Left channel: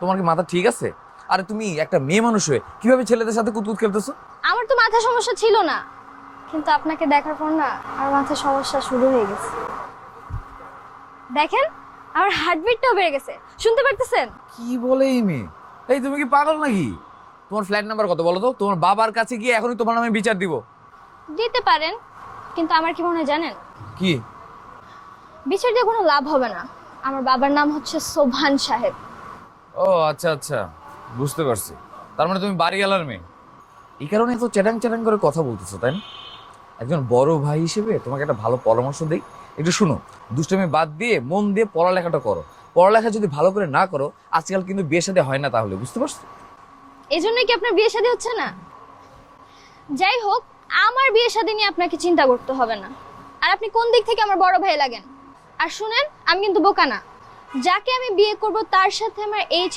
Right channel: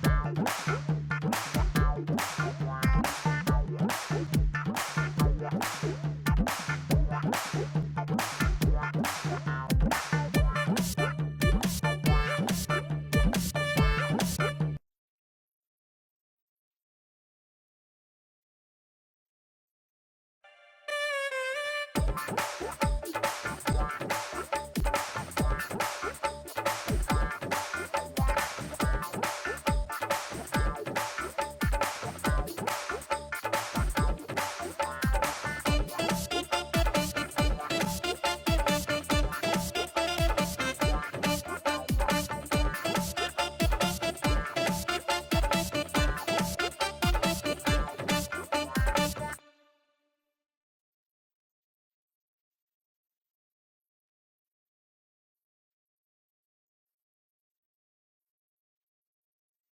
তোমার কি মাথা ঠিক আছে? আরে তুমি একটা মেয়ে মানুষ হয়ে কিভাবে ছেলেদের সাথে কুতকুত খেলতেছো? আমার তো মাথা সমস্যা ছিল না, কিন্তু আপনাকে দেখার পর না আমার মাথা সমস্যা শুরু হয়ে গেছে। দেখেন, আমার হার্টবিটটাও বেড়ে গেছে, শুনতে পারতেছেন? কি বলে এই মেয়ে? এই তুমি কি পাগল নাকি? তোমার ফ্ল্যাট নাম্বার কত বলো তো? তোমার বাবার কাছে গিয়ে এখনই তোমার নামে বিচার দিব। দিতে পারেন, কিন্তু আমার কি মনে হয় জানেন? কি? বিচার দিয়ে কোনো লাভ হবে না। আমার বাবার নাম হচ্ছে সোভান সাহেব। ও আচ্ছা আচ্ছা, বুঝতে পারছি। তার মানে তুমি বাড়িওয়ালার মেয়ে। এই কারণে তো চ্যাটাং চ্যাটাং করে কথা বলতেছো, তাই না? একজন বড় ভাই হিসেবে তোমাকে একটা ভালো পরামর্শ দিই, একটু শুনো। দুষ্টুমি বাদ দিয়ে মন দিয়ে পড়ালেখাটা করো। পড়ালেখা যদি ভালো করে না করো, আজকাল কিন্তু বিয়ে শাদী হয় না, তাহলে বুঝতে পারছো? এই জন্যই কি আপনার বিয়ে শাদী হচ্ছে না? যাই হোক, আমার বিয়ে শাদী নিয়ে আপনাকে চিন্তা করতে হবে না। আর আপনি কোন দিক থেকে আমার বড় ভাই লাগেন? আর শুনেন, আমি কিন্তু বোকা না। যাকে আমি বিয়ে করব তার সাথে আমার এজ